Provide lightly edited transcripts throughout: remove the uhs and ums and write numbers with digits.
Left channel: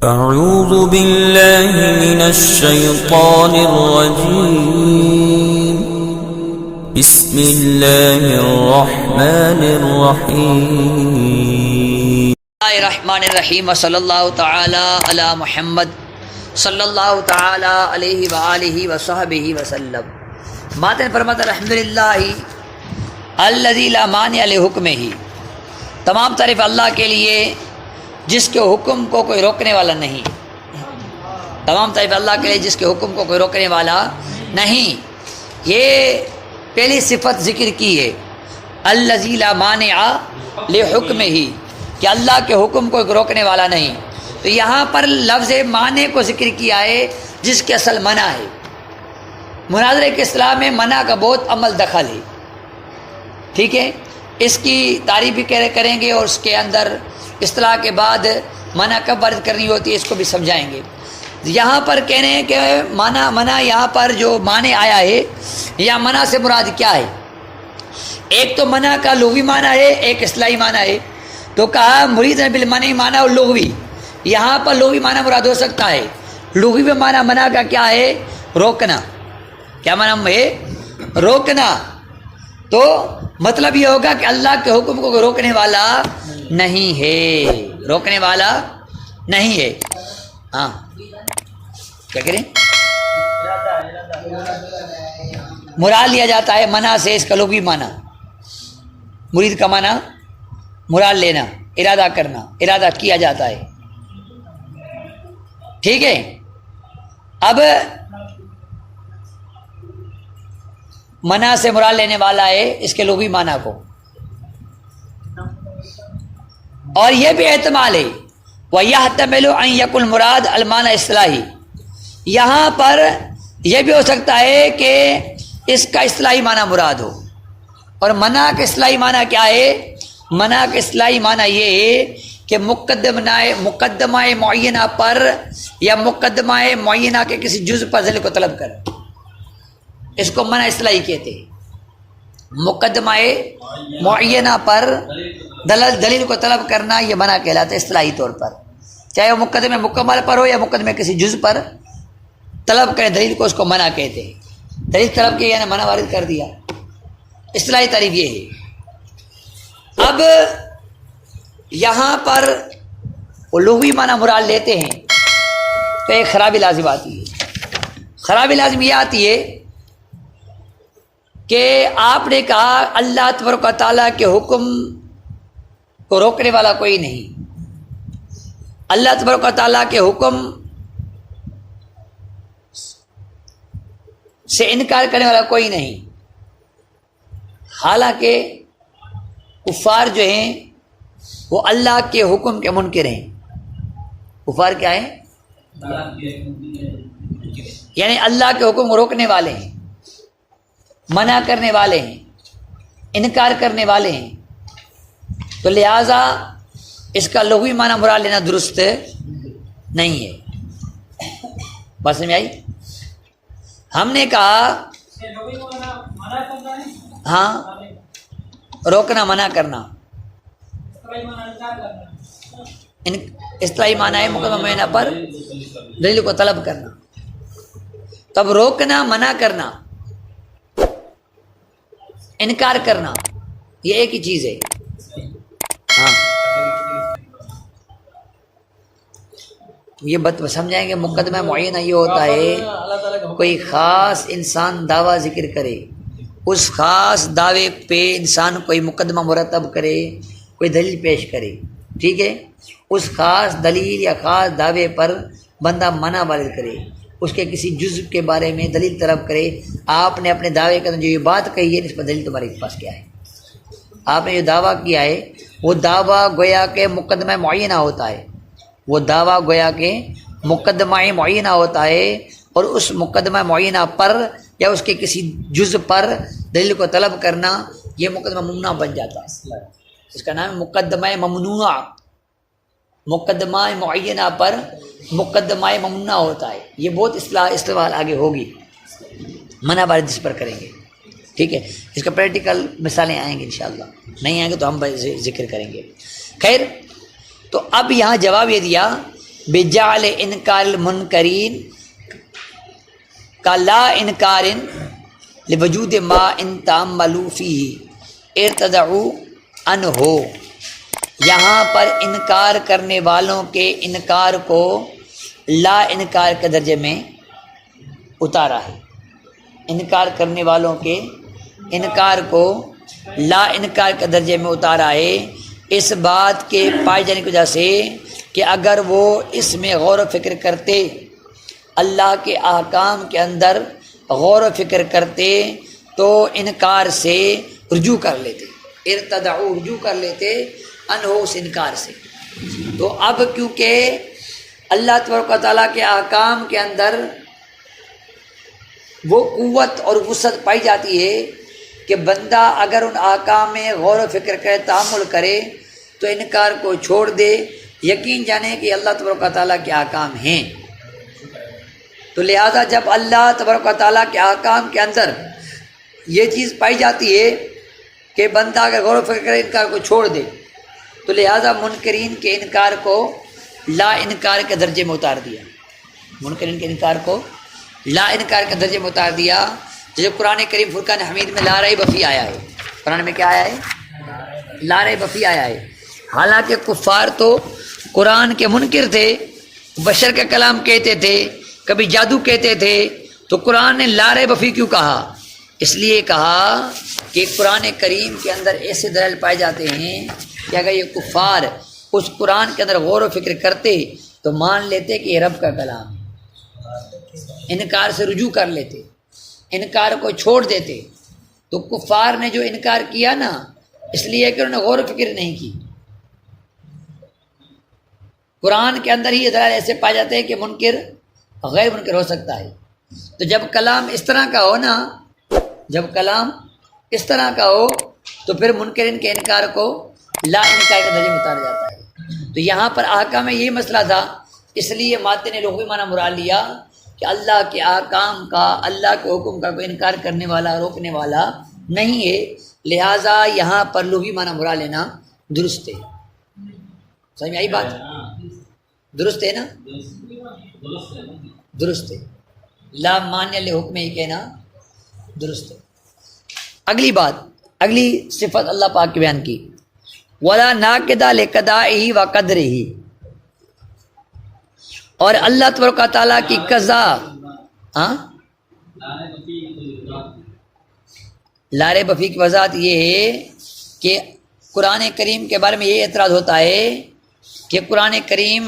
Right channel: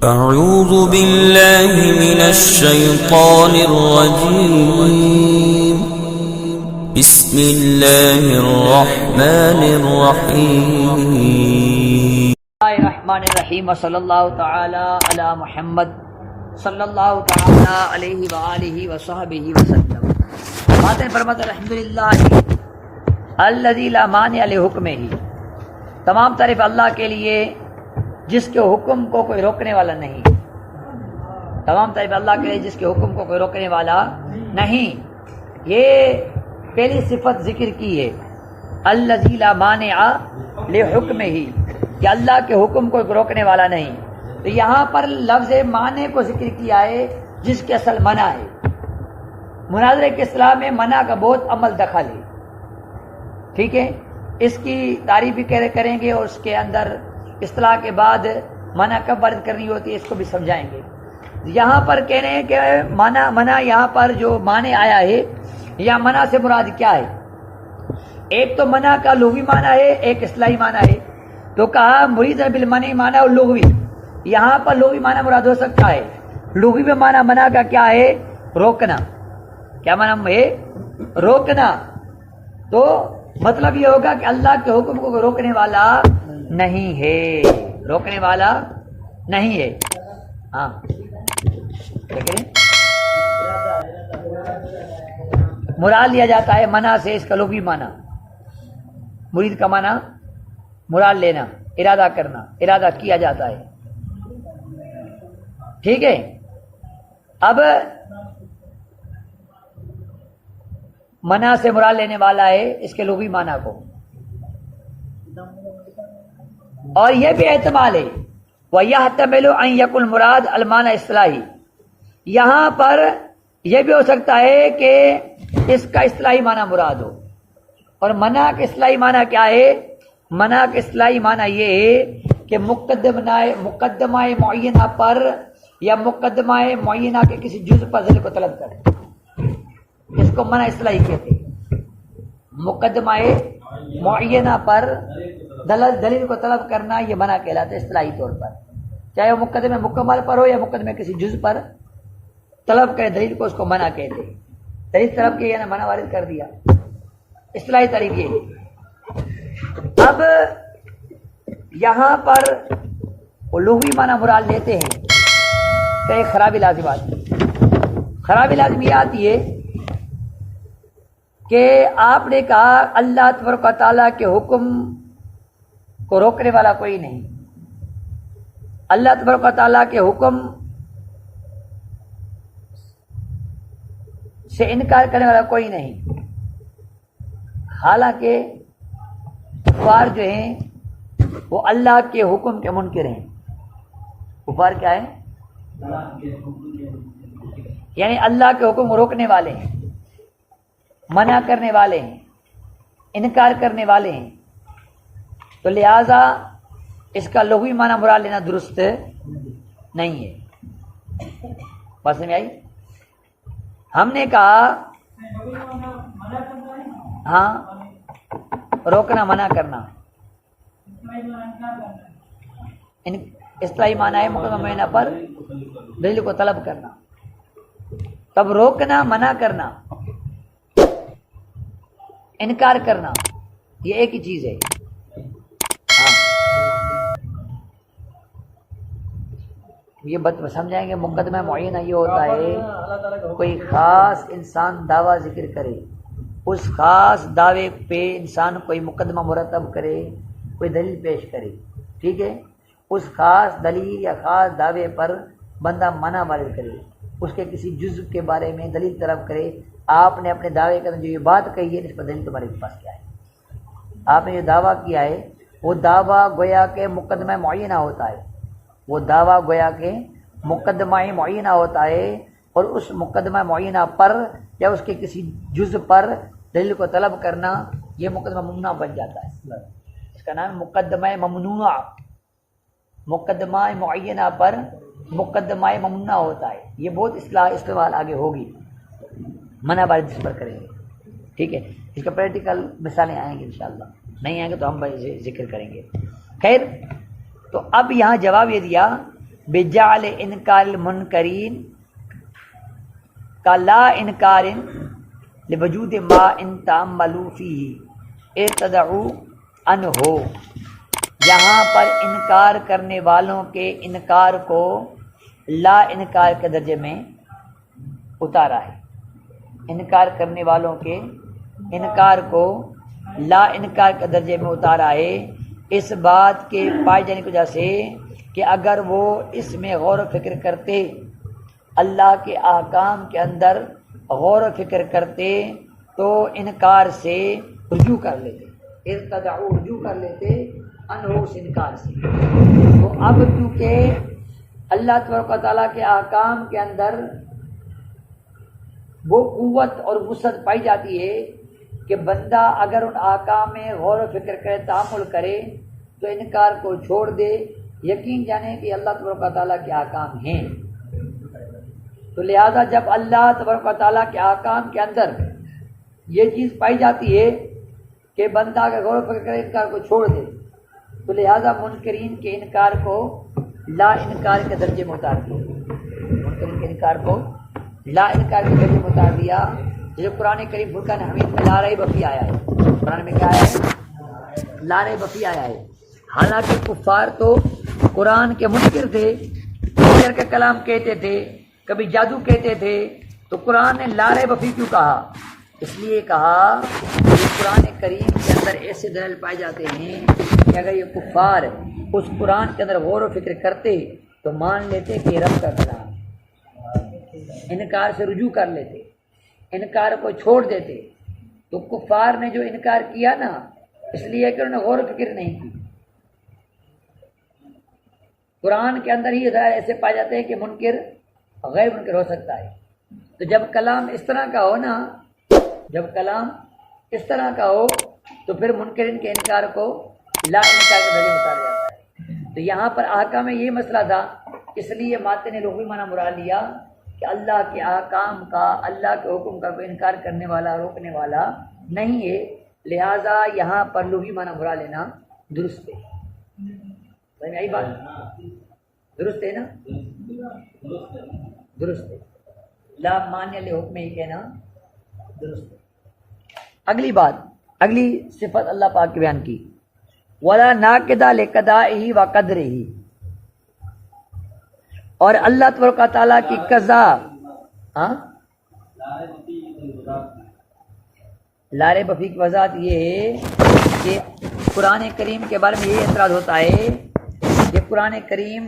أعوذ بالله من الشيطان الرجيم بسم الله الرحمن الرحيم الرحمن الرحیم صلی اللہ تعالی علی محمد صلی اللہ تعالی علیہ وآلہ وصحبہ وسلم. ماتن فرماتا الحمدللہ الذی لا مانع لحکمہ، تمام تعریف اللہ کے لیے جس کے حکم کو کوئی روکنے والا نہیں. تمام تعریف اللہ کے لیے جس کے حکم کو کوئی روکنے والا نہیں. یہ پہلی صفت ذکر کی ہے، الذی لا مانع لحکمہ، کہ اللہ کے حکم کو روکنے والا نہیں. تو یہاں پر لفظ مانع کو ذکر کیا ہے جس کے اصل منع ہے. مناظرے کے اصطلاح میں منع کا بہت عمل دخل ہے. ٹھیک ہے، اس کی تعریف بھی کریں گے اور اس کے اندر اصطلاح کے بعد منع کب وارد کرنی ہوتی ہے اس کو بھی سمجھائیں گے. یہاں پر کہہ رہے ہیں کہ منع یہاں پر جو معنی آیا ہے یا منع سے مراد کیا ہے. ایک تو منع کا لغوی معنی ہے، ایک اصطلاحی معنی ہے. تو کہا مرید بالمنع معنی اور لغوی. یہاں پر لغوی معنی مراد ہو سکتا ہے. لغوی میں معنی منع کا کیا ہے؟ روکنا. کیا معنی ہے؟ روکنا. تو مطلب یہ ہوگا کہ اللہ کے حکم کو روکنے والا نہیں ہے، روکنے والا نہیں ہے. ہاں کیا کریں؟ مراد لیا جاتا ہے منع سے اس کا لغوی معنی. مرید کا معنی مراد لینا، ارادہ کرنا، ارادہ کیا جاتا ہے. ٹھیک ہے. اب منع سے مراد لینے والا ہے اس کے لغوی معنی کو. اور یہ بھی احتمال ہے وَيَحْتَمِلُ أَن يَكُنَ الْمُرَادُ الْمَعْنَى اصطلاحی. یہاں پر یہ بھی ہو سکتا ہے کہ اس کا اصطلاحی معنی مراد ہو. اور منع کا اصطلاحی معنی کیا ہے؟ منع کا اصطلاحی معنی یہ ہے کہ مقدمہ معینہ پر یا مقدمہ معینہ کے کسی جز پر دلیل کو طلب کرے. اس کو منع اصطلاحی کہتے ہیں. مقدمہ معینہ پر دلیل کو طلب کرنا یہ منع کہلاتا ہے اصطلاحی طور پر. چاہے وہ مقدمہ مکمل پر ہو یا مقدمہ کسی جز پر طلب کرے دلیل کو، اس کو منع کہتے ہیں. دلیل طلب کی یعنی منع وارد کر دیا. اصطلاحی تعریف یہ ہے. اب یہاں پر وہ لغوی معنی مراد لیتے ہیں تو ایک خرابی لازم آتی ہے. خرابی لازم یہ آتی ہے کہ آپ نے کہا اللہ تبارک و تعالیٰ کے حکم کو روکنے والا کوئی نہیں، اللہ تبارک و تعالیٰ کے حکم سے انکار کرنے والا کوئی نہیں. حالانکہ کفار جو ہیں وہ اللہ کے حکم کے منکر ہیں. کفار کیا ہیں؟ یعنی اللہ کے حکم کو روکنے والے ہیں، منع کرنے والے ہیں، انکار کرنے والے ہیں. تو لہذا اس کا لغوی معنی مراد لینا درست نہیں ہے. بات سمجھ آئی؟ ہم نے کہا ہاں روکنا، منع کرنا. اصطلاحی معنی ہے مقدمہ معینہ پر دلیل کو طلب کرنا. تب روکنا، منع کرنا، انکار کرنا یہ ایک ہی چیز ہے. ہاں یہ بات سمجھائیں گے. مقدمہ معینہ یہ ہوتا ہے کوئی خاص انسان دعویٰ ذکر کرے، اس خاص دعوے پہ انسان کوئی مقدمہ مرتب کرے، کوئی دلیل پیش کرے. ٹھیک ہے. اس خاص دلیل یا خاص دعوے پر بندہ منع وارد کرے، اس کے کسی جزء کے بارے میں دلیل طلب کرے. آپ نے اپنے دعوے کے اندر جو یہ بات کہی ہے اس پر دلیل تمہارے پاس کیا ہے؟ آپ نے جو دعویٰ کیا ہے وہ دعویٰ گویا کہ مقدمہ معینہ ہوتا ہے. وہ دعویٰ گویا کہ مقدمہ معینہ ہوتا ہے اور اس مقدمہ معینہ پر یا اس کے کسی جزء پر دلیل کو طلب کرنا یہ مقدمہ ممنوع بن جاتا ہے. اس کا نام ہے مقدمہ ممنوع. مقدمہ معینہ پر مقدمہ ممنوع ہوتا ہے. یہ بہت استعمال آگے ہوگی، منع وارد اس پر کریں گے. ٹھیک ہے. اس کا پریکٹیکل مثالیں آئیں گے انشاءاللہ. نہیں آئیں گے تو ہم ذکر کریں گے. خیر، تو اب یہاں جواب یہ دیا بجعل انکار المنکرین کا لا انکار لوجود ما ان تعملوا فیہ ارتدعوا عنہ، یہاں پر انکار کرنے والوں کے انکار کو لا انکار کے درجے میں اتارا ہے، انکار کرنے والوں کے انکار کو لا انکار کے درجے میں اتارا ہے، اس بات کے پائے جانے کی وجہ سے کہ اگر وہ اس میں غور و فکر کرتے، اللہ کے احکام کے اندر غور و فکر کرتے تو انکار سے رجوع کر لیتے، ارتدعوا رجوع کر لیتے انہو اس انکار سے۔ تو اب کیونکہ اللہ تبارک و تعالیٰ کے احکام کے اندر وہ قوت اور وسعت پائی جاتی ہے کہ بندہ اگر ان احکام میں غور و فکر کرے، تأمل کرے تو انکار کو چھوڑ دے، یقین جانے کہ اللہ تبارک و تعالیٰ کے احکام ہیں۔ تو لہٰذا جب اللہ تبارک و تعالیٰ کے احکام کے اندر یہ چیز پائی جاتی ہے کہ بندہ اگر غور و فکر کرے انکار کو چھوڑ دے، تو لہٰذا منکرین کے انکار کو لا انکار کے درجے میں اتار دیا، منکرین کے انکار کو لا انکار کے درجے میں اتار دیا۔ جیسے قرآن کریم فرقان حمید میں لا ریب فیہ آیا ہے، قرآن میں کیا آیا ہے؟ لا ریب فیہ آیا ہے۔ حالانکہ کفار تو قرآن کے منکر تھے، بشر کا کلام کہتے تھے، کبھی جادو کہتے تھے، تو قرآن نے لا ریب فیہ کیوں کہا؟ اس لیے کہا کہ قرآن کریم کے اندر ایسے دلائل پائے جاتے ہیں کہ اگر یہ کفار اس قرآن کے اندر غور و فکر کرتے تو مان لیتے کہ یہ رب کا کلام، انکار سے رجوع کر لیتے، انکار کو چھوڑ دیتے۔ تو کفار نے جو انکار کیا نا، اس لیے کہ انہوں نے غور و فکر نہیں کی۔ قرآن کے اندر ہی یہ دلائل ایسے پائے جاتے ہیں کہ منکر غیر منکر ہو سکتا ہے۔ تو جب کلام اس طرح کا ہو نا، جب کلام اس طرح کا ہو تو پھر منکرین کے انکار کو لا انکار کے درجے میں اتارا جاتا ہے۔ تو یہاں پر احکام میں یہ مسئلہ تھا، اس لیے ماتے نے لغوی معنی مراد لیا کہ اللہ کے احکام کا، اللہ کے حکم کا کوئی انکار کرنے والا، روکنے والا نہیں ہے، لہٰذا یہاں پر لغوی معنی مراد لینا درست ہے۔ سمجھ میں آئی بات؟ درست ہے نا؟ درست ہے، لا مانع لحکم ہی کہنا درست ہے۔ اگلی بات، اگلی صفت اللہ پاک کی بیان کی، وَلَا نَاقِضَ لِقَضَائِهِ وَقَدْرِهِ، اور اللہ تبارک و تعالیٰ کی قضا، لا ریب فیہ کی وضاحت یہ ہے کہ قرآن کریم کے بارے میں یہ اعتراض ہوتا ہے کہ قرآن کریم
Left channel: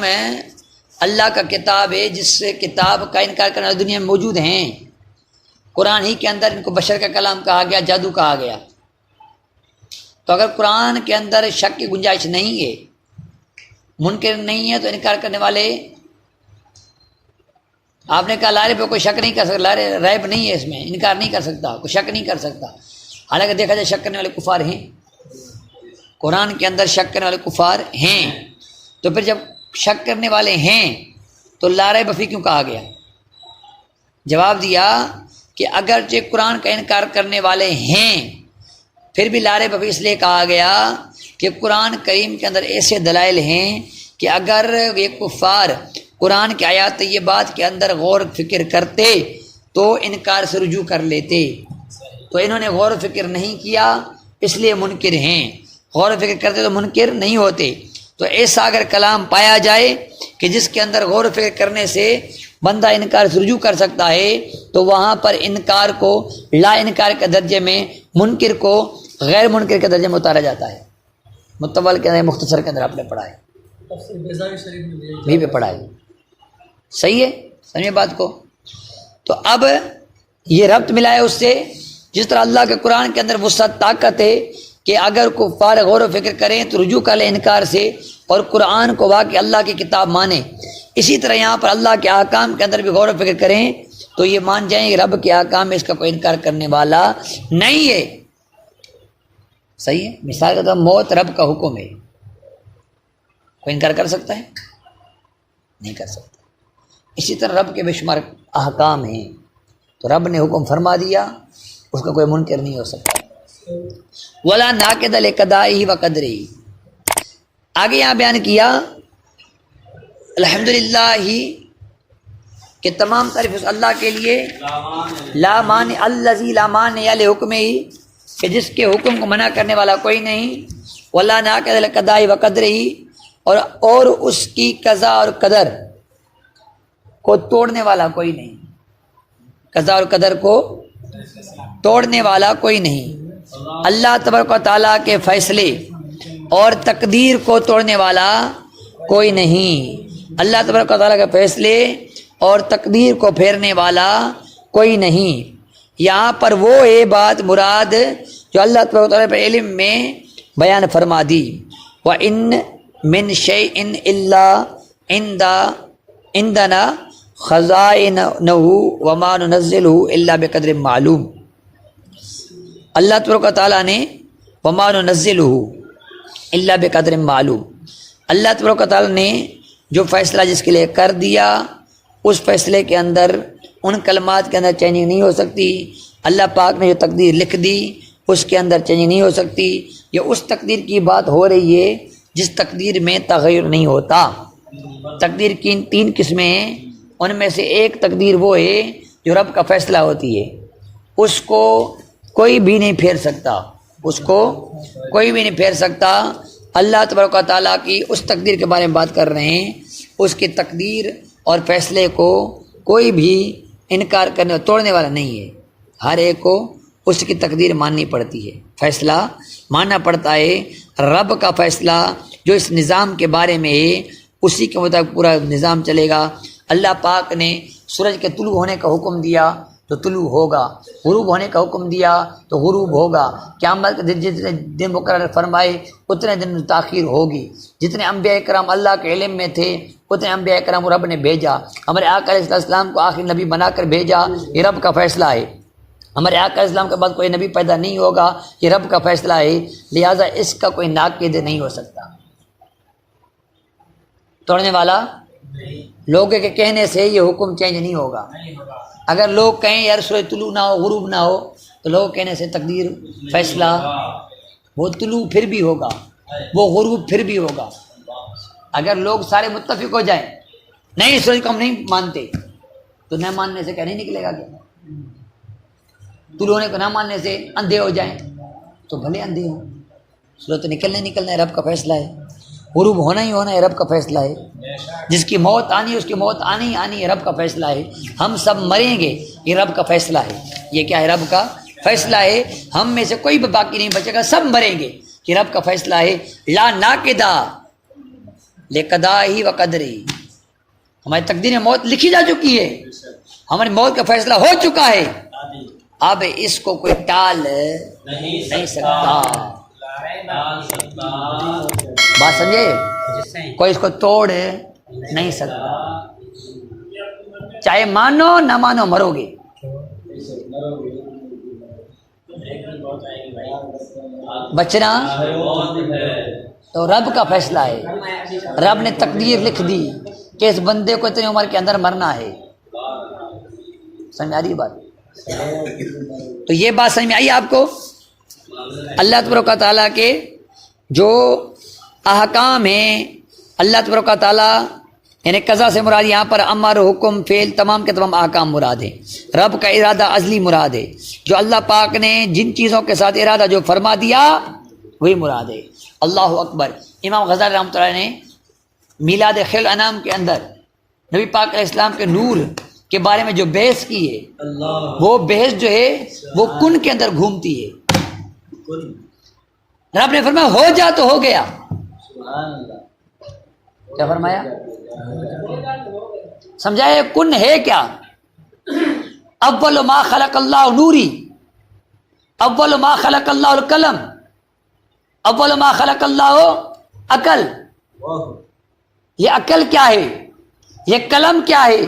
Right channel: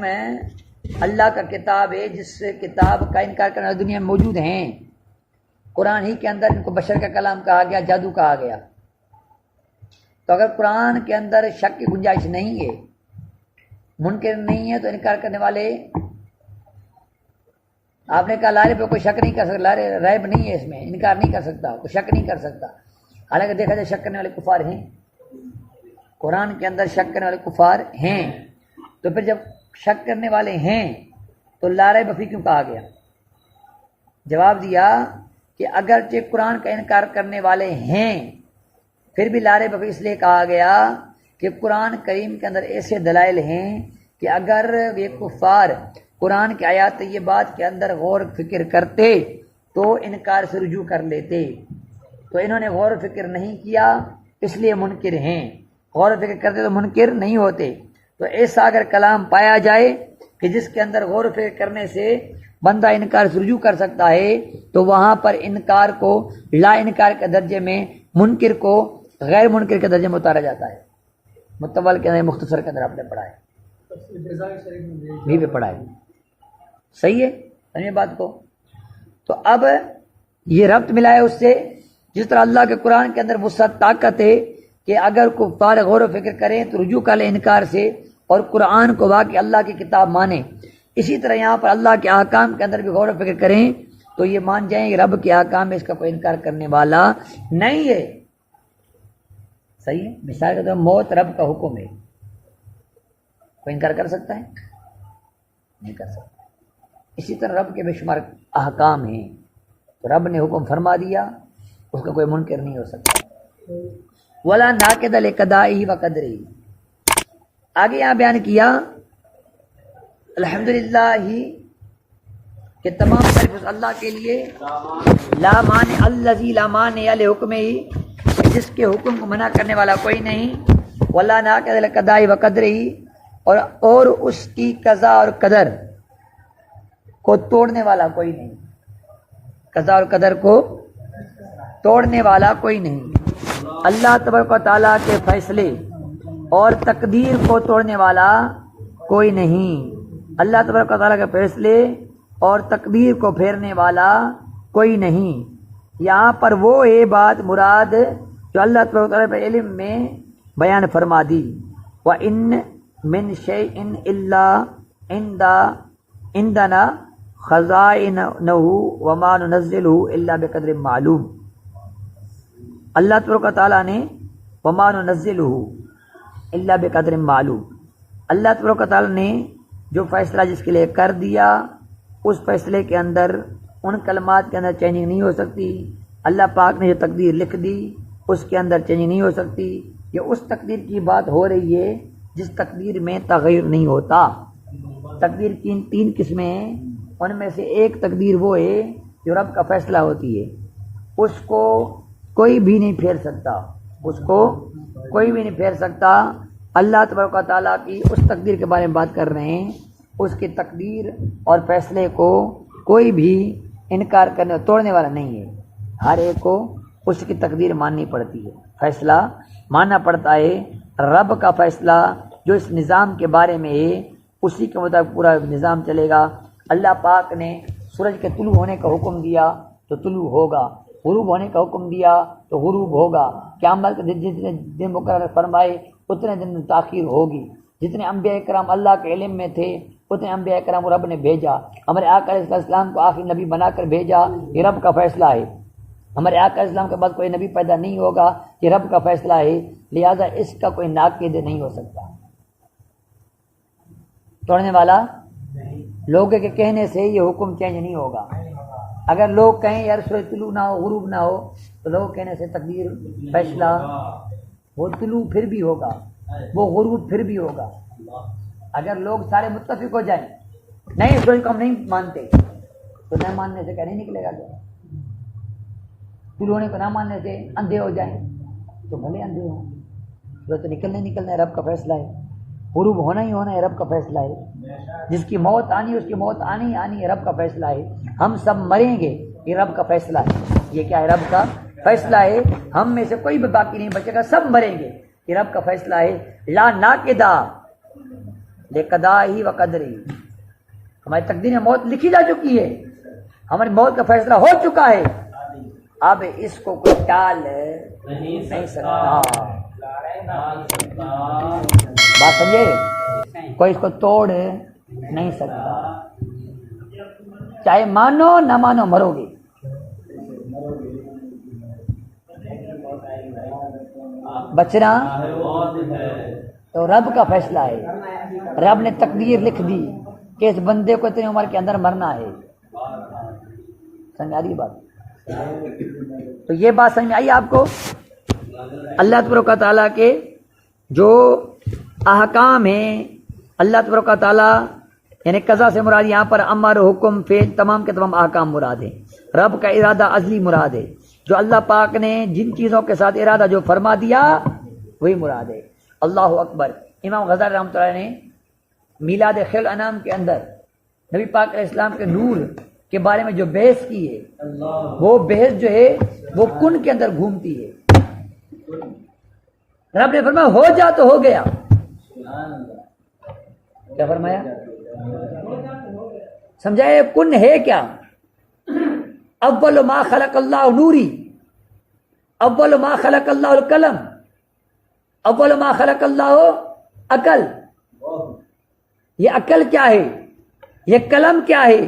اللہ کا کتاب ہے، جس سے کتاب کا انکار کرنے والی دنیا میں موجود ہیں۔ قرآن ہی کے اندر ان کو بشر کا کلام کہا گیا، جادو کہا گیا۔ تو اگر قرآن کے اندر شک کی گنجائش نہیں ہے، منکر نہیں ہے، تو انکار کرنے والے، آپ نے کہا لا ریب پہ کوئی شک نہیں کر سکتا، لا ریب نہیں ہے، اس میں انکار نہیں کر سکتا، کوئی شک نہیں کر سکتا۔ حالانکہ دیکھا جائے شک کرنے والے کفار ہیں، قرآن کے اندر شک کرنے والے کفار ہیں۔ تو پھر جب شک کرنے والے ہیں تو لا ریب فیہ کیوں کہا گیا؟ جواب دیا کہ اگرچہ قرآن کا انکار کرنے والے ہیں، پھر بھی لا ریب فیہ اس لیے کہا گیا کہ قرآن کریم کے اندر ایسے دلائل ہیں کہ اگر یہ کفار قرآن کی آیات طیبات کے اندر غور فکر کرتے تو انکار سے رجوع کر لیتے۔ تو انہوں نے غور و فکر نہیں کیا، اس لیے منکر ہیں، غور و فکر کرتے تو منکر نہیں ہوتے۔ تو ایسا اگر کلام پایا جائے کہ جس کے اندر غور و فکر کرنے سے بندہ انکار سے رجوع کر سکتا ہے، تو وہاں پر انکار کو لا انکار کے درجے میں، منکر کو غیر منکر کے درجے میں اتارا جاتا ہے۔ متول کے اندر، مختصر کے اندر آپ نے پڑھا ہے، بھی پہ پڑھا ہے، صحیح ہے؟ سمجھے بات کو؟ تو اب یہ ربط ملا ہے اس سے، جس طرح اللہ کے قرآن کے اندر وسعت، طاقت ہے کہ اگر کفار غور و فکر کریں تو رجوع کر لیں انکار سے، اور قرآن کو واقعی اللہ کی کتاب مانیں، اسی طرح یہاں پر اللہ کے احکام کے اندر بھی غور و فکر کریں تو یہ مان جائیں کہ رب کے احکام میں اس کا کوئی انکار کرنے والا نہیں ہے۔ صحیح ہے؟ مثال کے طور پر موت رب کا حکم ہے، کوئی انکار کر سکتا ہے؟ نہیں کر سکتا۔ اسی طرح رب کے بے شمار احکام ہیں، تو رب نے حکم فرما دیا، اس کا کوئی منکر نہیں ہو سکتا۔ ولا ناقض لقضائه وقدره، آگے یہاں بیان کیا الحمدللہ ہی کہ تمام تعریف اس اللہ کے لیے، لا مانع الذی لا مانع لحکمہ ہی کہ جس کے حکم کو منع کرنے والا کوئی نہیں، ولا ناقض لقضاء و قدر ہی اور اس کی قضا اور قدر کو توڑنے والا کوئی نہیں، قضا اور قدر کو توڑنے والا کوئی نہیں۔ اللہ تبارک و تعالیٰ کے فیصلے اور تقدیر کو توڑنے والا کوئی نہیں، اللہ تبارک و تعالیٰ کے فیصلے اور تقدیر کو پھیرنے والا کوئی نہیں۔ یہاں پر وہ ہے بات مراد جو اللہ تبارک و تعالیٰ پہ علم میں بیان فرما دی، وَإِن مِّن شَيْءٍ إِلَّا عِندَنَا خَزَائِنُهُ وَمَا نُنَزِّلُهُ إِلَّا بِقَدْرٍ معلوم۔ اللہ تبارک و تعالیٰ نے وَمَا نُنَزِّلُهُ إِلَّا بِقَدْرٍ معلوم، اللہ تبارک و تعالیٰ نے جو فیصلہ جس کے لیے کر دیا اس فیصلے کے اندر ان کلمات کے اندر چینجنگ نہیں ہو سکتی۔ اللہ پاک نے جو تقدیر لکھ دی اس کے اندر چینجنگ نہیں ہو سکتی۔ یہ اس تقدیر کی بات ہو رہی ہے جس تقدیر میں تغیر نہیں ہوتا۔ تقدیر کی 3 قسمیں ہیں، ان میں سے ایک تقدیر وہ ہے جو رب کا فیصلہ ہوتی ہے، اس کو کوئی بھی نہیں پھیر سکتا، اس کو کوئی بھی نہیں پھیر سکتا۔ اللہ تبارک و تعالیٰ کی اس تقدیر کے بارے میں بات کر رہے ہیں، اس کی تقدیر اور فیصلے کو کوئی بھی انکار کرنے اور توڑنے والا نہیں ہے۔ ہر ایک کو اس کی تقدیر ماننی پڑتی ہے، فیصلہ ماننا پڑتا ہے۔ رب کا فیصلہ جو اس نظام کے بارے میں ہے اسی کے مطابق پورا نظام چلے گا۔ اللہ پاک نے سورج کے طلوع ہونے کا حکم دیا تو طلوع ہوگا، غروب ہونے کا حکم دیا تو غروب ہوگا۔ قیامت کے جتنے دن مقرر فرمائے اتنے دن تاخیر ہوگی۔ جتنے انبیاء کرام اللہ کے علم میں تھے اتنے انبیاء کرام رب نے بھیجا۔ ہمارے آقا علیہ السلام کو آخری نبی بنا کر بھیجا، یہ رب کا فیصلہ ہے۔ ہمارے آقا علیہ السلام کے بعد کوئی نبی پیدا نہیں ہوگا، یہ رب کا فیصلہ ہے، لہٰذا اس کا کوئی ناقد نہیں ہو سکتا، توڑنے والا لوگوں کے کہنے سے یہ حکم چینج نہیں ہوگا۔ اگر لوگ کہیں یار سورج طلوع نہ ہو غروب نہ ہو تو لوگ کہنے سے تقدیر فیصلہ وہ طلوع پھر بھی ہوگا، وہ غروب پھر بھی ہوگا۔ اگر لوگ سارے متفق ہو جائیں نہیں سورج کو ہم نہیں مانتے تو نہ ماننے سے کیا نہیں نکلے گا؟ کیا طلوع ہونے کو نہ ماننے سے اندھے ہو جائیں تو بھلے اندھے ہوں، سورج تو نکلنا ہے، رب کا فیصلہ ہے۔ غروب ہونا ہی ہونا ہے، رب کا فیصلہ ہے۔ جس کی موت آنی ہے اس کی موت آنی ہے، رب کا فیصلہ ہے۔ ہم سب مریں گے، یہ رب کا فیصلہ ہے۔ یہ کیا ہے؟ رب کا فیصلہ ہے۔ ہم میں سے کوئی بھی باقی نہیں بچے گا، سب مریں گے، یہ رب کا فیصلہ ہے۔ لا ناقدا لقضائہ و قدرہ، ہماری تقدیر میں موت لکھی جا چکی ہے، ہماری موت کا فیصلہ ہو چکا ہے، اب اس کو کوئی ٹال نہیں سکتا۔ بات سمجھے؟ کوئی اس کو توڑ نہیں سکتا، چاہے مانو نہ مانو مرو گے۔ بچنا تو رب کا فیصلہ ہے، رب نے تقدیر لکھ دی کہ اس بندے کو اتنی عمر کے اندر مرنا ہے۔ سمجھ آ رہی بات؟ تو یہ بات سمجھ میں آئی آپ کو؟ اللہ تبارک و تعالیٰ کے جو احکام ہیں، اللہ تبارک و تعالیٰ یعنی قضا سے مراد یہاں پر امر حکم فعل تمام کے تمام احکام مراد ہیں۔ رب کا ارادہ ازلی مراد ہے، جو اللہ پاک نے جن چیزوں کے ساتھ ارادہ جو فرما دیا وہی مراد ہے۔ اللہ اکبر۔ امام غزالی رحمۃ اللہ نے میلاد خیر الانام کے اندر نبی پاک علیہ السلام کے نور کے بارے میں جو بحث کی ہے، وہ بحث جو ہے وہ کن کے اندر گھومتی ہے۔ رب نے فرمایا ہو جا تو ہو گیا۔ کیا فرمایا؟ سمجھائے کن ہے کیا؟ اول ما خلق اللہ نوری، اول ما خلق اللہ القلم، اول ما خلق اللہ عقل۔ یہ عقل کیا ہے، یہ قلم کیا ہے،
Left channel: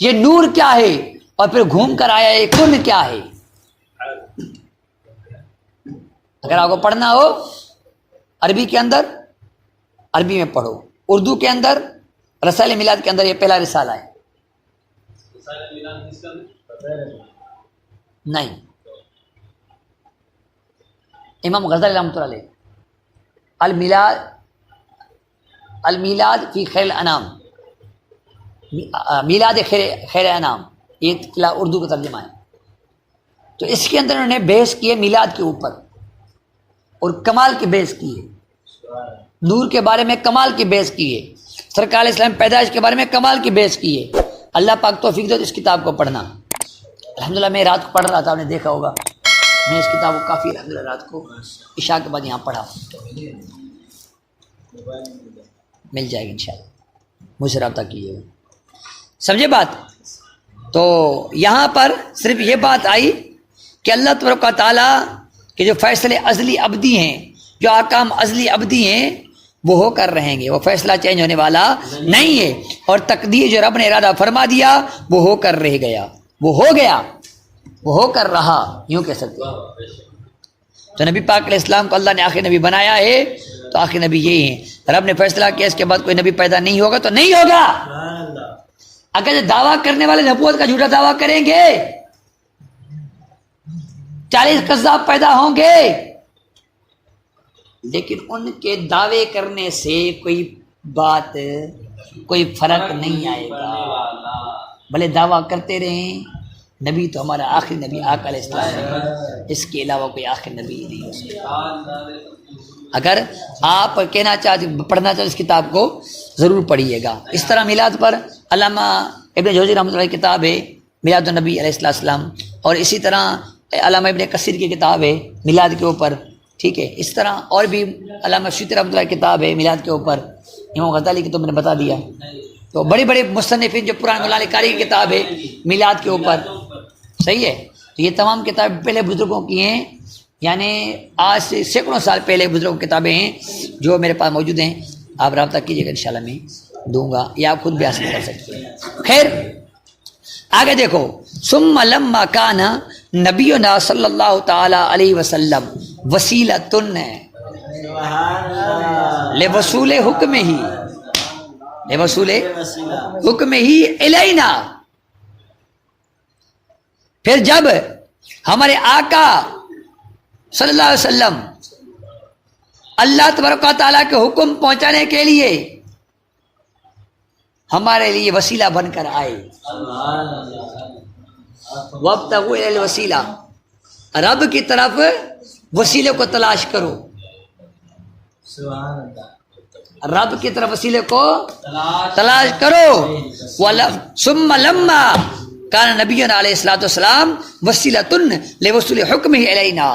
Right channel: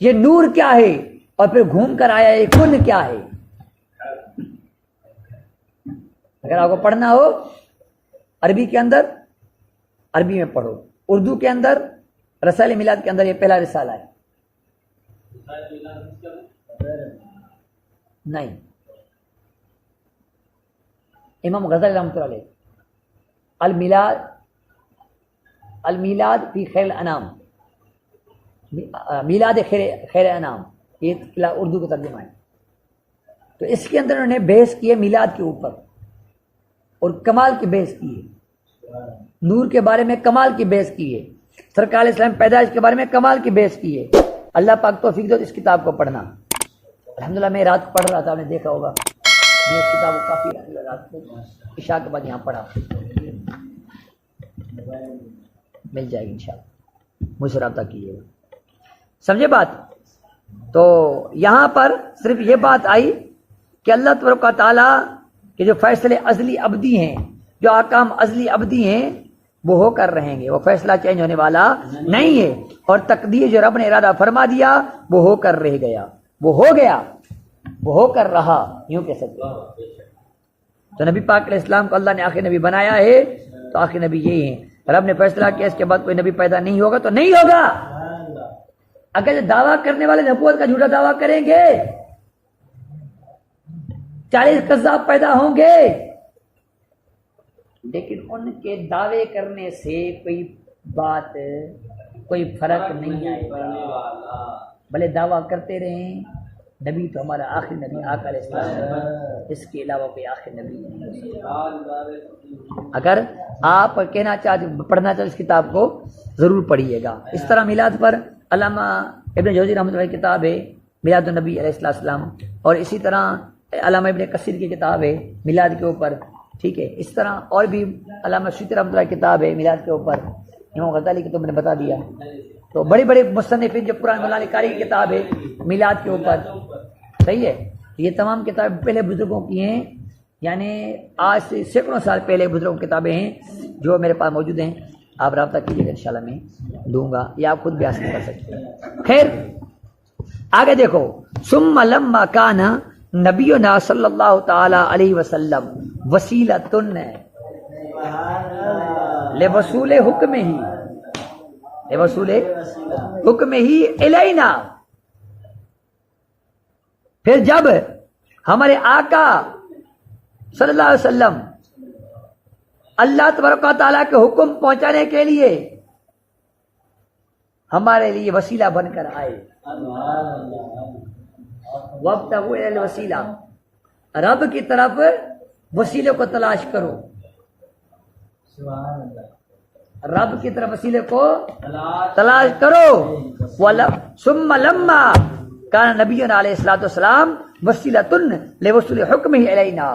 یہ نور کیا ہے، اور پھر گھوم کر آیا یہ کن کیا ہے۔ اگر آپ کو پڑھنا ہو عربی کے اندر عربی میں پڑھو، اردو کے اندر رسائل میلاد کے اندر یہ پہلا رسالہ ہے۔ نہیں، امام غزالی رحمۃ اللہ علیہ المیلاد فی خیر الانام میلاد خیر انام، یہ اردو کا ترجمہ ہے. تو اس کے اندر انہوں نے بحث کی ہے میلاد کے اوپر، اور کمال کی بحث کی ہے. نور کے بارے میں کمال کی بحث کی ہے، سرکار علیہ السلام پیدائش کے بارے میں کمال کی بحث کی ہے. اللہ پاک توفیق دو اس کتاب کو پڑھنا. الحمدللہ میں رات کو پڑھ رہا تھا، آپ نے دیکھا ہوگا، میں اس کتاب کو کافی الحمدللہ رات کو عشاء کے بعد یہاں پڑھا. مل جائے گی انشاءاللہ، مجھ سے رابطہ کیجیے گا. سمجھے بات؟ تو یہاں پر صرف یہ بات آئی کہ اللہ تبارک و تعالیٰ کے جو فیصلے ازلی ابدی ہیں، جو احکام ازلی ابدی ہیں، وہ ہو کر رہیں گے، وہ فیصلہ چینج ہونے والا نہیں ہے. اور تقدیر جو رب نے ارادہ فرما دیا وہ ہو کر رہ گیا، وہ ہو گیا، وہ ہو کر رہا، یوں کہہ سکتے ہیں. تو نبی پاک علیہ السلام کو اللہ نے آخری نبی بنایا ہے، تو آخری نبی یہی ہے. رب نے فیصلہ کیا اس کے بعد کوئی نبی پیدا نہیں ہوگا تو نہیں ہوگا. اگر دعویٰ کرنے والے نبوت کا جھوٹا دعویٰ کریں گے 40 کذاب پیدا ہوں گے، لیکن ان کے دعوے کرنے سے کوئی بات، کوئی فرق نہیں آئے گا. بھلے دعویٰ کرتے رہیں، نبی تو ہمارا آخری نبی آقا علیہ السلام ہے، اس کے علاوہ کوئی آخری نبی نہیں ہو سکتا. اگر آپ کہنا چاہتے، پڑھنا چاہتے اس کتاب کو ضرور پڑھیے گا. اس طرح میلاد پر علامہ ابن جوزی رحمۃ اللہ کی کتاب ہے میلاد النبی علیہ السلام، اور اسی طرح علامہ ابن کثیر کی کتاب ہے میلاد کے اوپر، ٹھیک ہے. اس طرح اور بھی علامہ سیوطی رحمۃ اللہ کی کتاب ہے میلاد کے اوپر، امام غزالی کی تو میں نے بتا دیا. تو بڑے بڑے مصنفین جو پرانے مولانا کاری کی کتاب ہے میلاد کے اوپر، صحیح ہے. تو یہ تمام کتابیں پہلے بزرگوں کی ہیں، یعنی آج سے سینکڑوں سال پہلے بزرگوں کی کتابیں ہیں جو میرے پاس موجود ہیں. آپ رابطہ کیجیے گا، انشاءاللہ میں دوں گا، یا آپ خود بھی حاصل کر سکتے ہیں. خیر آگے دیکھو، ثم لما کان نبینا صلی اللہ تعالی علیہ وسلم وسیلۃ لوصول حکم ہی، لوصول حکم ہی الینا. پھر جب ہمارے آقا صلی اللہ علیہ وسلم اللہ تبارک و تعالیٰ کے حکم پہنچانے کے لیے ہمارے لیے وسیلہ بن کر آئے. وابتغوا الی الوسیلہ، رب کی طرف وسیلے کو تلاش کرو، رب کی طرف وسیلے کو تلاش کرو. ثم لما کان نبینا علیہ الصلوۃ والسلام وسیلۃ لوصول حکمہ الینا،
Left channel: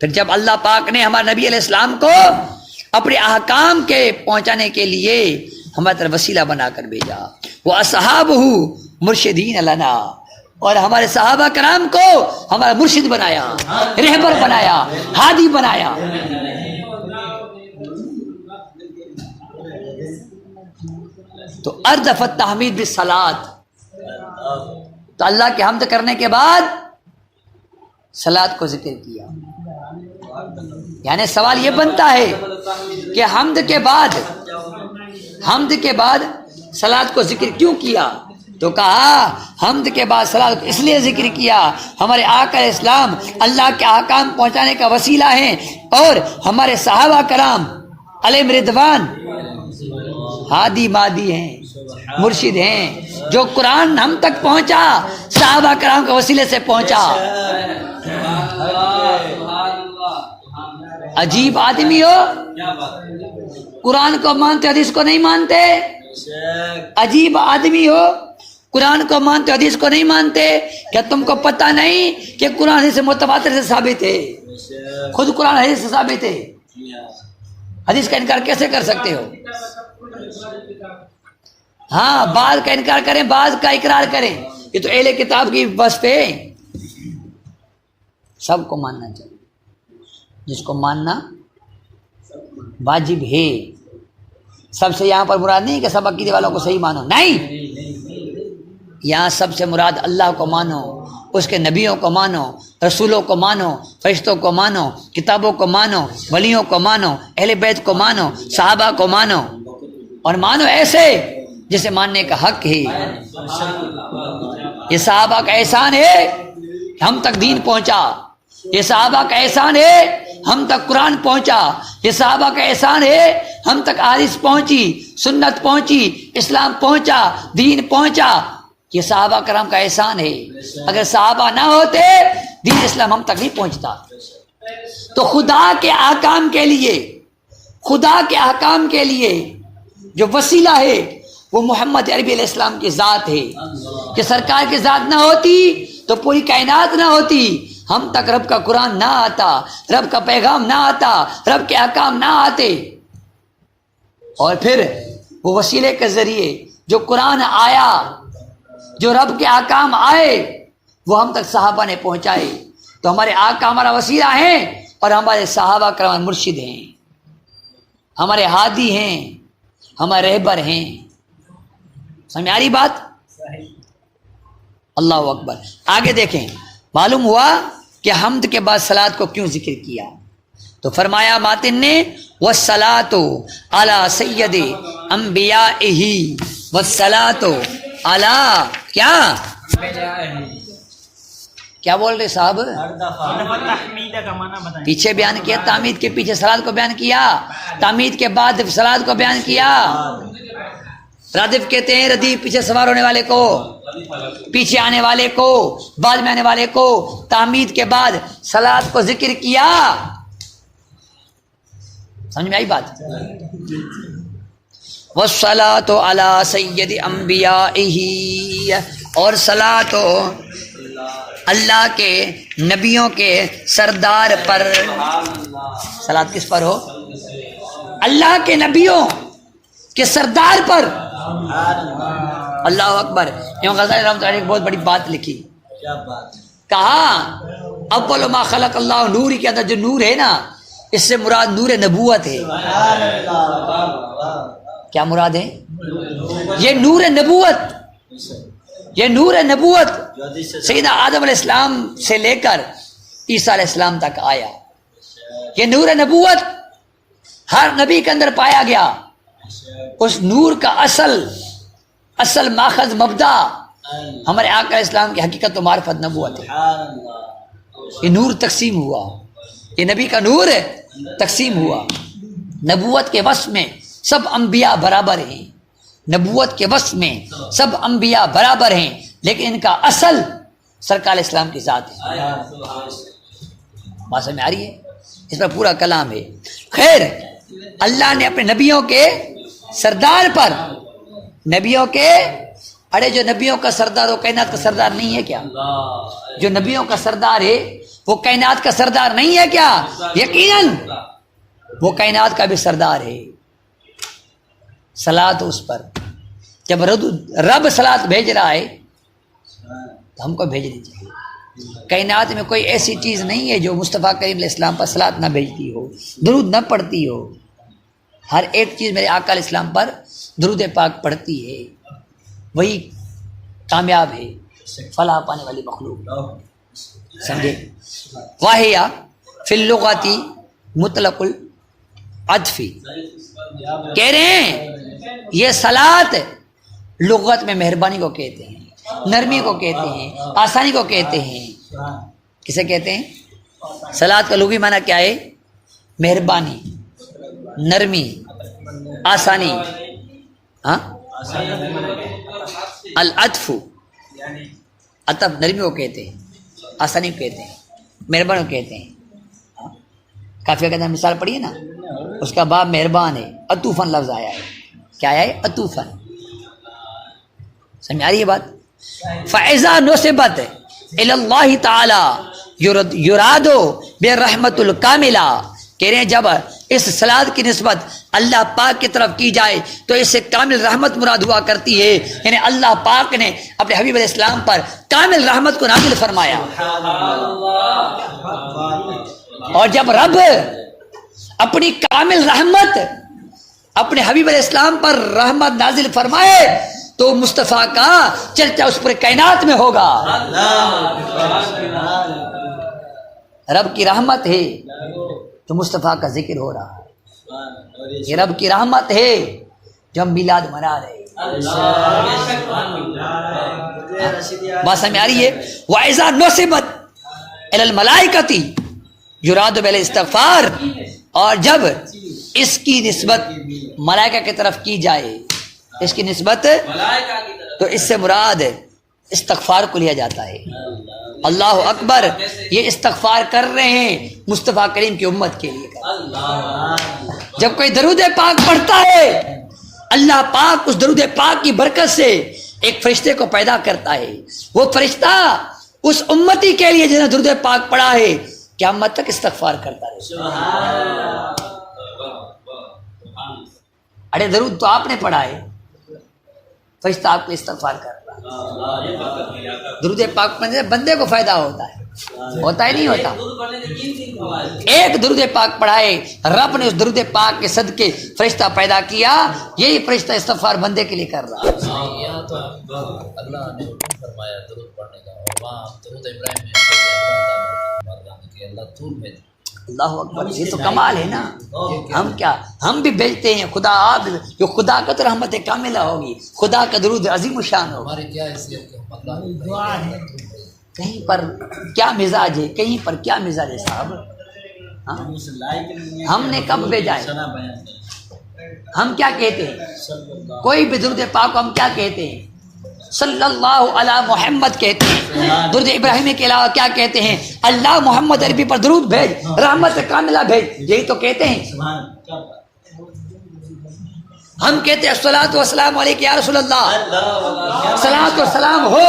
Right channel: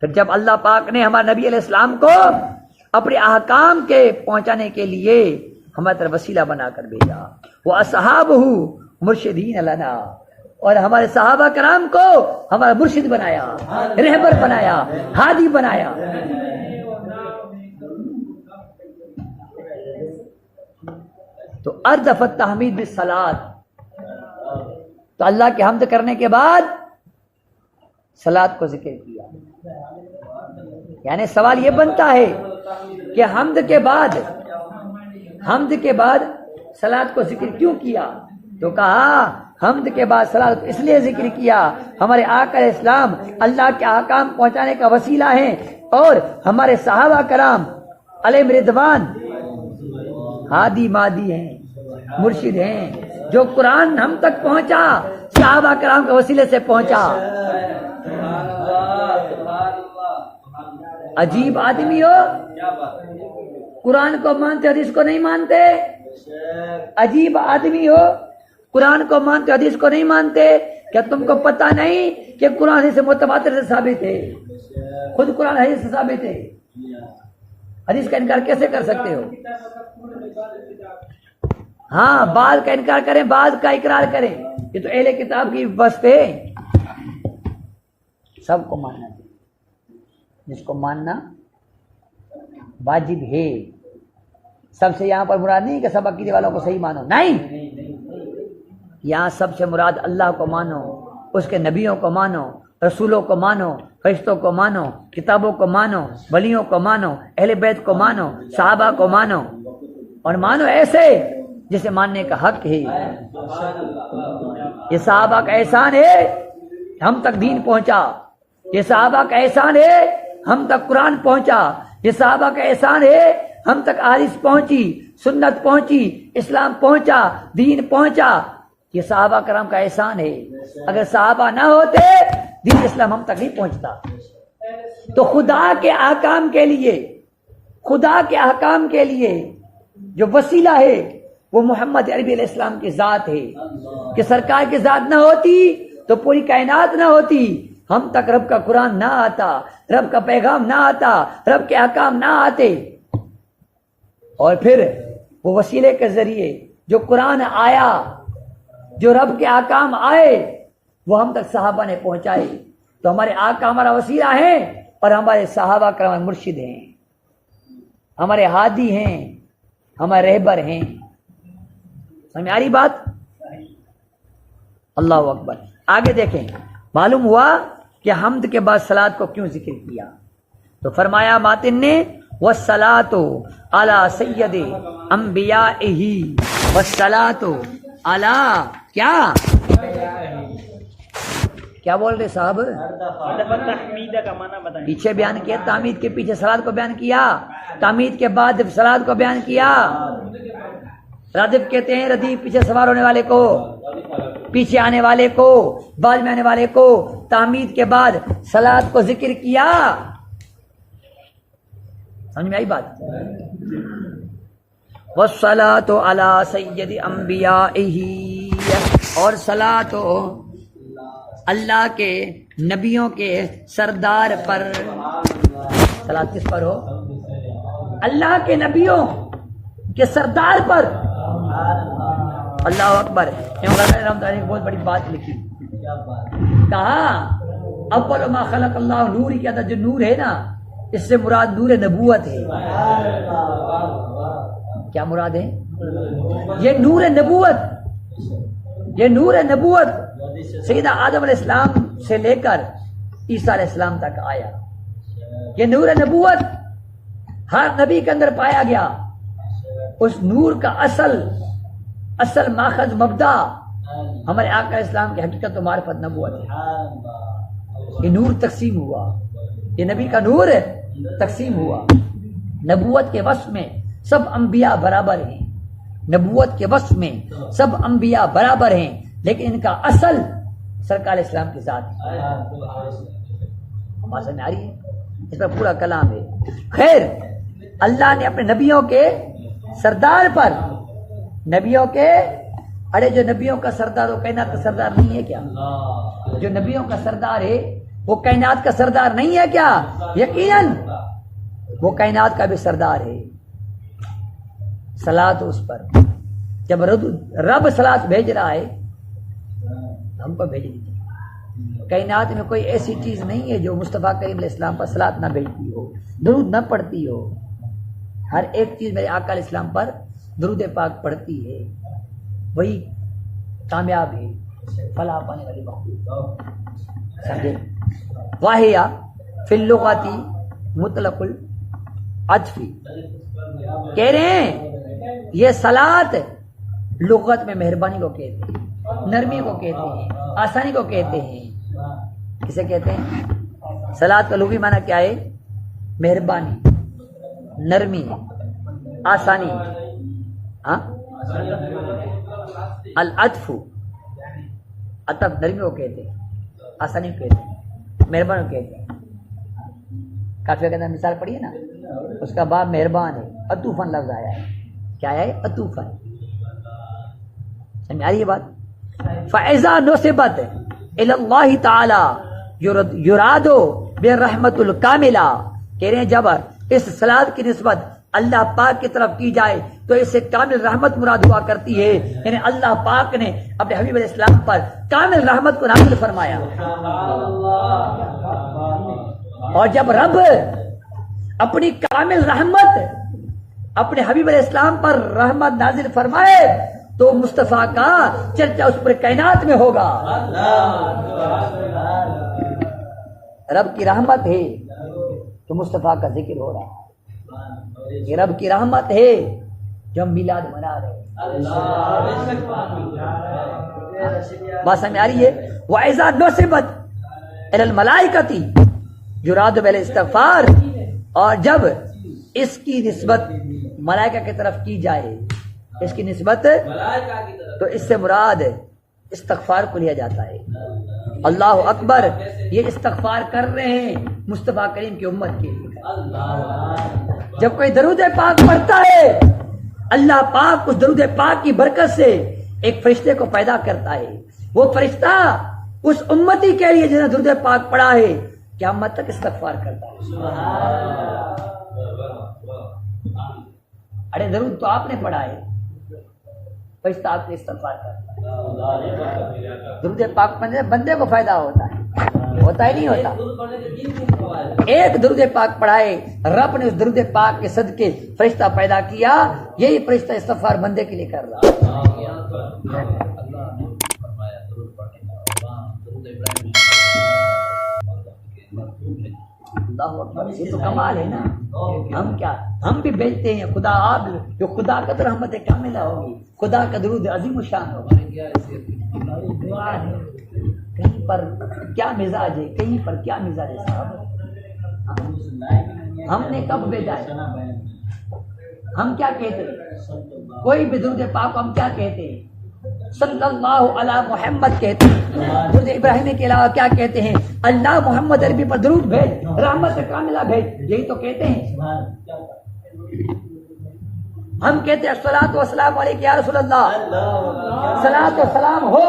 پھر جب اللہ پاک نے ہمارے نبی علیہ السلام کو اپنے احکام کے پہنچانے کے لیے ہماری طرف وسیلہ بنا کر بھیجا. واصحابہ مرشدین لنا، اور ہمارے صحابہ کرام کو ہمارا مرشد بنایا، رہبر بنایا، ہادی بنایا. تو اردف التحمید بالصلاۃ، تو اللہ کے حمد کرنے کے بعد صلاۃ کو ذکر کیا. یعنی سوال یہ بنتا ہے کہ حمد کے بعد صلاۃ کو ذکر کیوں کیا؟ تو کہا حمد کے بعد صلاۃ کو اس لیے ذکر کیا، ہمارے آقا علیہ السلام اللہ کے احکام پہنچانے کا وسیلہ ہیں، اور ہمارے صحابہ کرام علیہم رضوان ہادی مادی ہیں، مرشد ہیں. جو قرآن ہم تک پہنچا صحابہ کرام کے وسیلے سے پہنچا. عجیب آدمی ہو، قرآن کو مانتے حدیث کو نہیں مانتے. عجیب آدمی ہو، قرآن کو مانتے حدیث کو نہیں مانتے. کیا تم کو پتہ نہیں کہ قرآن حدیث متواتر سے ثابت ہے؟ خود قرآن حدیث سے ثابت ہے، حدیث کا انکار کیسے کر سکتے ہو؟ ہاں، بعض کا انکار کریں، بعض کا اقرار کریں، یہ تو اہل کتاب کی وصف ہے. سب کو ماننا چاہیے، جس کو ماننا واجب ہے. سب سے یہاں پر مراد نہیں کہ سب عقیدے والوں کو صحیح مانو، نہیں. یہاں سب سے مراد اللہ کو مانو، اس کے نبیوں کو مانو، رسولوں کو مانو، فرشتوں کو مانو، کتابوں کو مانو، ولیوں کو مانو، اہل بیت کو مانو، صحابہ کو مانو، اور مانو ایسے جسے ماننے کا حق ہے. یہ صحابہ کا احسان ہے ہم تک دین پہنچا، یہ صحابہ کا احسان ہے ہم تک قرآن پہنچا، یہ صحابہ کا احسان ہے، ہم تک حدیث پہنچی، سنت پہنچی، اسلام پہنچا، دین پہنچا، یہ صحابہ کرام کا احسان ہے۔ اگر صحابہ نہ ہوتے دین اسلام ہم تک نہیں پہنچتا۔ تو خدا کے احکام کے لیے، خدا کے احکام کے لیے جو وسیلہ ہے وہ محمد عربی علیہ السلام کی ذات ہے، کہ سرکار کی ذات نہ ہوتی تو پوری کائنات نہ ہوتی، ہم تک رب کا قرآن نہ آتا، رب کا پیغام نہ آتا، رب کے احکام نہ آتے۔ اور پھر وہ وسیلے کے ذریعے جو قرآن آیا، جو رب کے احکام آئے، وہ ہم تک صحابہ نے پہنچائے۔ تو ہمارے آقا ہمارا وسیلہ ہیں اور ہمارے صحابہ کرام مرشد ہیں، ہمارے ہادی ہیں، ہمارے رہبر ہیں۔ سمجھ آ رہی بات؟ اللہ اکبر۔ آگے دیکھیں، معلوم ہوا کہ حمد کے بعد صلاۃ کو کیوں ذکر کیا؟ تو فرمایا ماتن نے والصلاۃ علی سید انبیائہ، والصلاۃ علی کیا بول رہے صاحب؟ پیچھے بیان کیا تعمید کے پیچھے صلاۃ کو بیان کیا، تعمید کے بعد صلاۃ کو بیان کیا۔ ردف کہتے ہیں ردیف، پیچھے سوار ہونے والے کو، پیچھے آنے والے کو، بعد میں آنے والے کو۔ تعمید کے بعد صلاۃ کو ذکر کیا۔ سمجھ میں آئی بات؟ والصلاۃ علی سید انبیائہ، اور صلاۃ اللہ کے نبیوں کے سردار پر۔ صلاۃ کس پر ہو؟ اللہ کے نبیوں کے سردار پر۔ اللہ اکبر۔ امام غزالی رحمۃ اللہ علیہ نے بہت بڑی بات لکھی، کہا اول ما خلق اللہ، نور کے اندر جو نور ہے نا، اس سے مراد نور نبوت ہے۔ کیا مراد ہے؟ یہ نور نبوت، یہ نور نبوت سیدنا آدم علیہ السلام سے لے کر عیسیٰ علیہ السلام تک آیا۔ یہ نور نبوت ہر نبی کے اندر پایا گیا۔ اس نور کا اصل ماخذ مبدا ہمارے آقا علیہ السلام کی حقیقت و معرفت نبوت ہے۔ یہ نور تقسیم ہوا، یہ نبی کا نور تقسیم ہوا۔ نبوت کے وصف میں سب انبیاء برابر ہیں، نبوت کے وصف میں سب انبیاء برابر ہیں، لیکن ان کا اصل سرکار علیہ السلام کی ذات ہے۔ بات سمجھ میں آ رہی ہے؟ اس پر پورا کلام ہے۔ خیر، اللہ نے اپنے نبیوں کے سردار پر، نبیوں کے، ارے جو نبیوں کا سردار وہ کائنات کا سردار نہیں ہے کیا؟ جو نبیوں کا سردار ہے وہ کائنات کا سردار نہیں ہے کیا؟ یقیناً وہ کائنات کا بھی سردار ہے۔ صلاۃ اس پر، جب رب صلاۃ بھیج رہا ہے تو ہم کو بھیجنی چاہیے۔ کائنات میں کوئی ایسی چیز نہیں ہے جو مصطفیٰ کریم علیہ السلام پر صلاۃ نہ بھیجتی ہو، درود نہ پڑھتی ہو۔ ہر ایک چیز میرے آقا علیہ السلام پر درود پاک پڑھتی ہے، وہی کامیاب ہے، فلاح پانے والی مخلوق۔ سمجھے؟ واہیا فی اللغۃ مطلق العطف، کہہ رہے ہیں یہ صلاۃ لغت میں مہربانی کو کہتے ہیں، نرمی کو کہتے ہیں، آسانی کو کہتے ہیں۔ کسے کہتے ہیں؟ صلاۃ کا لغوی معنی کیا ہے؟ مہربانی، نرمی، آسانی۔ ہاں، العطف، عطف نرمی کو کہتے ہیں، آسانی کو کہتے ہیں، مہربانی کو کہتے ہیں۔ کافی کے اندر مثال پڑھی ہے نا، اس کا باب مہربان ہے، عطوفاً لفظ آیا ہے۔ کیا ہے؟ عطوفاً۔ سمجھ آ رہی ہے بات؟ فَإِذَا نُصِبَتْ إِلَى اللَّهِ تَعَالَى يُرَادُ بِالرَّحْمَةُ الْكَامِلَةِ، کہہ رہے ہیں جب اس صلاۃ کی نسبت اللہ پاک کی طرف کی جائے تو اس سے کامل رحمت مراد ہوا کرتی ہے، یعنی اللہ پاک نے اپنے حبیب علیہ السلام پر کامل رحمت کو نازل فرمایا۔ اور جب رب اپنی کامل رحمت اپنے حبیب علیہ السلام پر رحمت نازل فرمائے تو مصطفیٰ کا چرچا اس پر کائنات میں ہوگا۔ رب کی رحمت ہے تو مصطفیٰ کا ذکر ہو رہا ہے، یہ رب کی رحمت ہے جو ہم میلاد منا رہے ہیں۔ بات سمجھ آ رہی ہے؟ وَإِذَا نُصِبَتْ إِلَى الْمَلَائِكَةِ، یراد بل استغفار، اور جب اس کی نسبت ملائکہ کی طرف کی جائے، اس کی نسبت تو اس سے مراد استغفار کو لیا جاتا ہے۔ اللہ اکبر، یہ استغفار کر رہے ہیں مصطفیٰ کریم کی امت کے لیے۔ جب کوئی درود پاک پڑھتا ہے، اللہ پاک اس درود پاک کی برکت سے ایک فرشتے کو پیدا کرتا ہے، وہ فرشتہ اس امتی کے لیے جنہیں درود پاک پڑھا ہے قیامت تک استغفار کرتا ہے۔ ارے درود تو آپ نے پڑھا ہے، فرشتہ آپ کو استغفار کرتا ہے۔ درود پاک پڑھنے سے بندے کو فائدہ ہوتا ہے نہیں ہوتا؟ ایک درود پاک پڑھائے، رب نے اس درود پاک کے صدقے فرشتہ پیدا کیا، یہی فرشتہ استغفار بندے کے لیے کر رہا ہے۔ اللہ نے فرمایا درود پڑھنے کا، اور وہاں درود ابراہیم میں اللہ تو بھیج۔ اللہ اکبر، یہ تو کمال ہے نا۔ ہم کیا، ہم بھی بھیجتے ہیں، خدا آپ جو خدا کا تو رحمت کاملہ ہوگی، خدا کا درود عظیم شان ہوگا۔ ہمارے کیا حیثیت کہ ہم اللہ کی دعا ہے، کہیں پر کیا مزاج ہے، کہیں پر کیا مزاج ہے صاحب؟ ہم نے کب بھیجا ہے؟ ہم کیا کہتے ہیں؟ کوئی بھی درود پاک کو ہم کیا کہتے ہیں؟ صلی اللہ علی محمد کہتے ہیں۔ درود ابراہیمی کے علاوہ کیا کہتے ہیں؟ اللہ محمد عربی پر درود بھیج، رحمت کاملہ بھیج، یہی تو کہتے ہیں۔ ہم کہتے ہیں الصلاۃ والسلام علیک یا رسول اللہ، صلاۃ و سلام ہو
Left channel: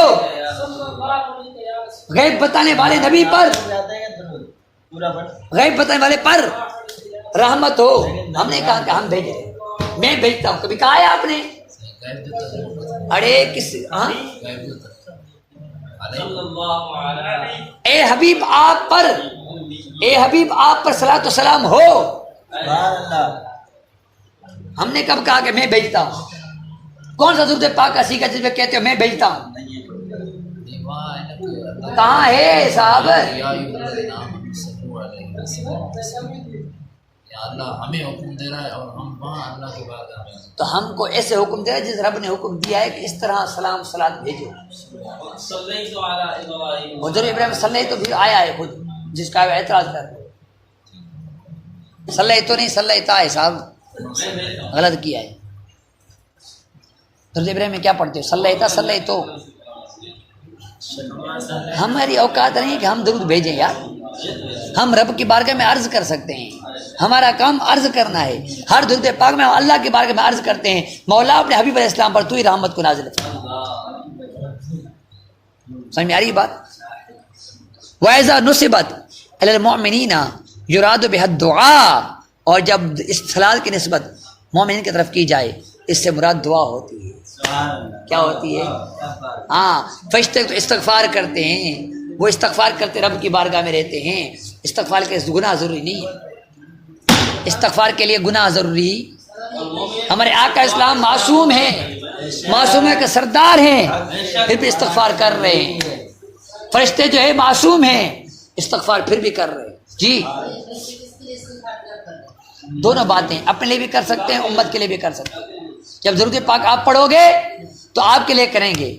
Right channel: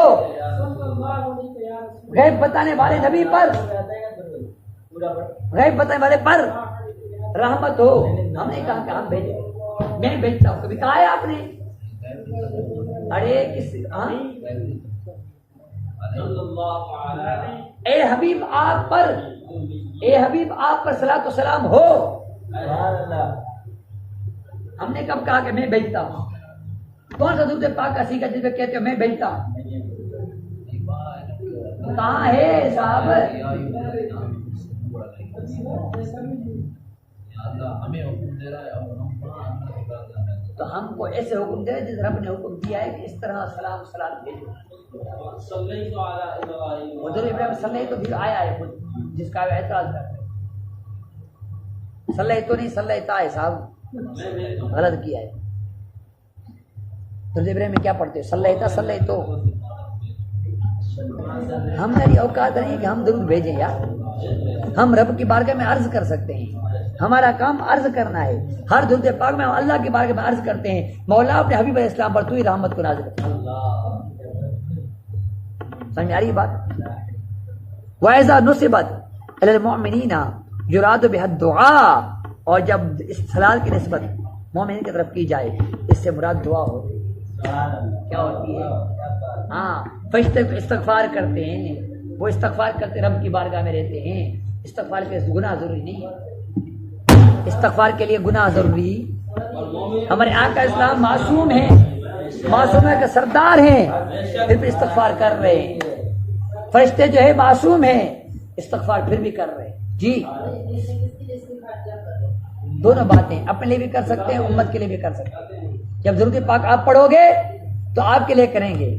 غیب بتانے والے نبی پر، غیب بتانے والے پر رحمت ہو۔ ہم نے کہا کہ ہم بھیجے، میں بھیجتا ہوں، کبھی کہا ہے آپ نے؟ ارے کس اے حبیب آپ پر، اے حبیب آپ پر صلاۃ و سلام ہو۔ ہم نے کب کہا کہ میں بھیجتا ہوں؟ کون سا درود پاک کا سیکھا جس میں کہتے ہو میں بھیجتا ہوں؟ کہاں ہے صاحب؟ اللہ ہمیں حکم دے رہا ہے اور ہم وہاں اللہ کے بعد ہمیں، تو ہم کو ایسے حکم دے رہا ہے جس رب نے حکم دیا ہے کہ اس طرح سلام صلات بھیجو۔ حضور ابراہیم صلی تو بھی آیا ہے خود، جس کا اعتراض کر صلی تو نہیں صلی ہے صاحب، غلط کیا ہے۔ حضور ابراہیم میں کیا پڑھتے ہو؟ صلی تو ہماری اوقات نہیں کہ ہم درود بھیجیں یار، ہم رب کی بارگاہ میں عرض کر سکتے ہیں، ہمارا کام عرض کرنا ہے۔ ہر درود پاک میں اللہ کی بارگاہ میں عرض کرتے ہیں مولا اپنے حبیب علیہ السلام پر تو ہی رحمت کو نازل فرما۔ سمجھ میں آ رہی ہے بات؟ وَإِذَا نُصِبَتْ عَلَى الْمُؤْمِنِينَ يُرَادُ بِهَا الدُّعَاء، اور جب اس صلاۃ کی نسبت مومنین کی طرف کی جائے اس سے مراد دعا ہوتی ہے۔ کیا ہوتی ہے؟ ہاں، فرشتے تو استغفار کرتے ہیں، وہ استغفار کرتے رب کی بارگاہ میں رہتے ہیں۔ استغفار کے گناہ ضروری نہیں ہے، استغفار کے لیے گناہ ضروری۔ ہمارے آقا اسلام معصوم ہیں، معصومہ کے سردار ہیں، پھر بھی استغفار کر رہے ہیں۔ فرشتے جو ہے معصوم ہیں، استغفار پھر بھی کر رہے ہیں۔ جی دونوں باتیں اپنے لیے بھی کر سکتے ہیں، امت کے لیے بھی کر سکتے ہیں۔ جب درود پاک آپ پڑھو گے تو آپ کے لیے کریں گے،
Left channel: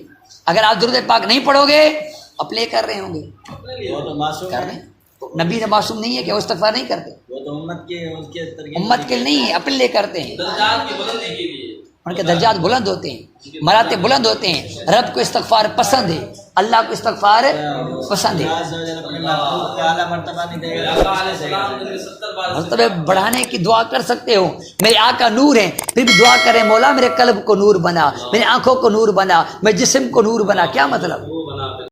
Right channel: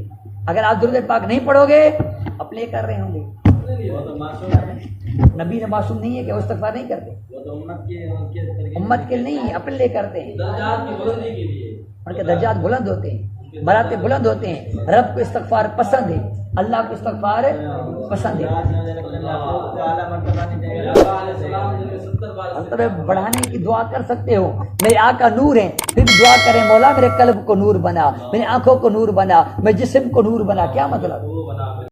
اگر آپ درود پاک نہیں پڑھو گے اپنے لیے کر رہے ہوں گے۔ نبی نے معصوم نہیں ہے کہ وہ استغفار نہیں کرتے، وہ تو امت کے نہیں ہے، اپنے لیے کرتے ہیں۔ ان کے درجات بلند ہوتے ہیں، مراتب بلند ہوتے ہیں۔ رب کو استغفار پسند ہے، اللہ کو استغفار پسند ہے۔ مرتبہ بڑھانے کی دعا کر سکتے ہو، میرے آقا نور ہیں، پھر بھی دعا کریں مولا میرے قلب کو نور بنا، میرے آنکھوں کو نور بنا، میرے جسم کو نور بنا۔ کیا مطلب؟